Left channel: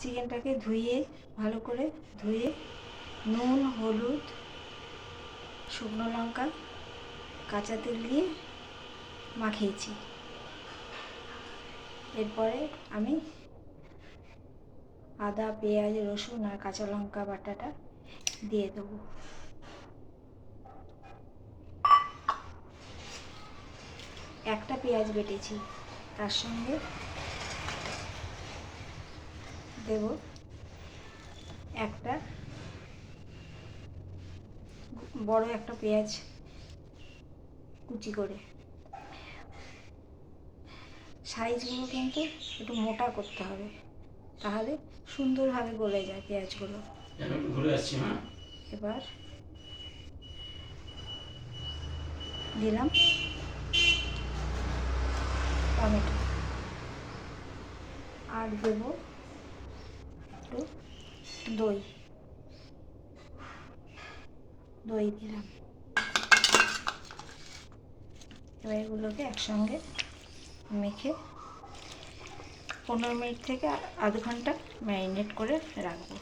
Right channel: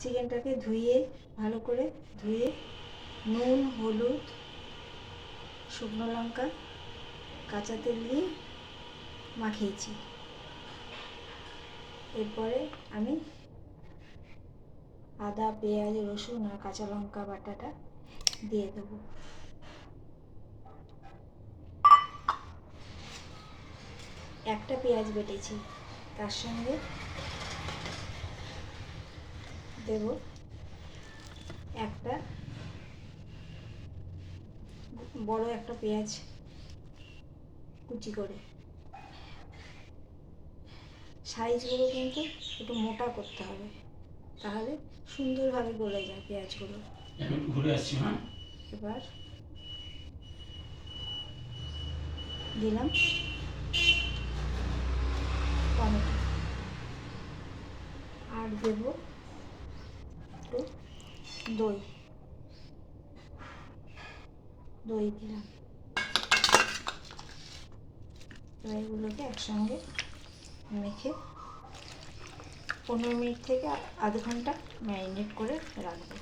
চিকেনটাকে ধুয়ে ভালো করে ধুয়ে নুন, হলুদ, শুকনো লঙ্কা, কাঁচা তেল দিয়ে মাখিয়েছি। এরপরে আমি আদা, পেঁয়াজ, রসুন আর কাঁচা লঙ্কা বাটাটা দিয়ে দেবো। একটা পেঁয়াজ বেটেছি, তার সঙ্গে দেব একটা বড় একটা পেঁয়াজ কুচি করে। সাইজগুলো কিন্তু একটু মোটা করতে হবে, তাহলে সুন্দরভাবে গলে যায় পেঁয়াজগুলো। এবার দিলাম টমেটো আর দেব একটু দই দিলাম। এবার এগুলোকে একসঙ্গে মেখে 15 মিনিট থেকে আধ ঘন্টা ম্যারিনেট করে রাখবো।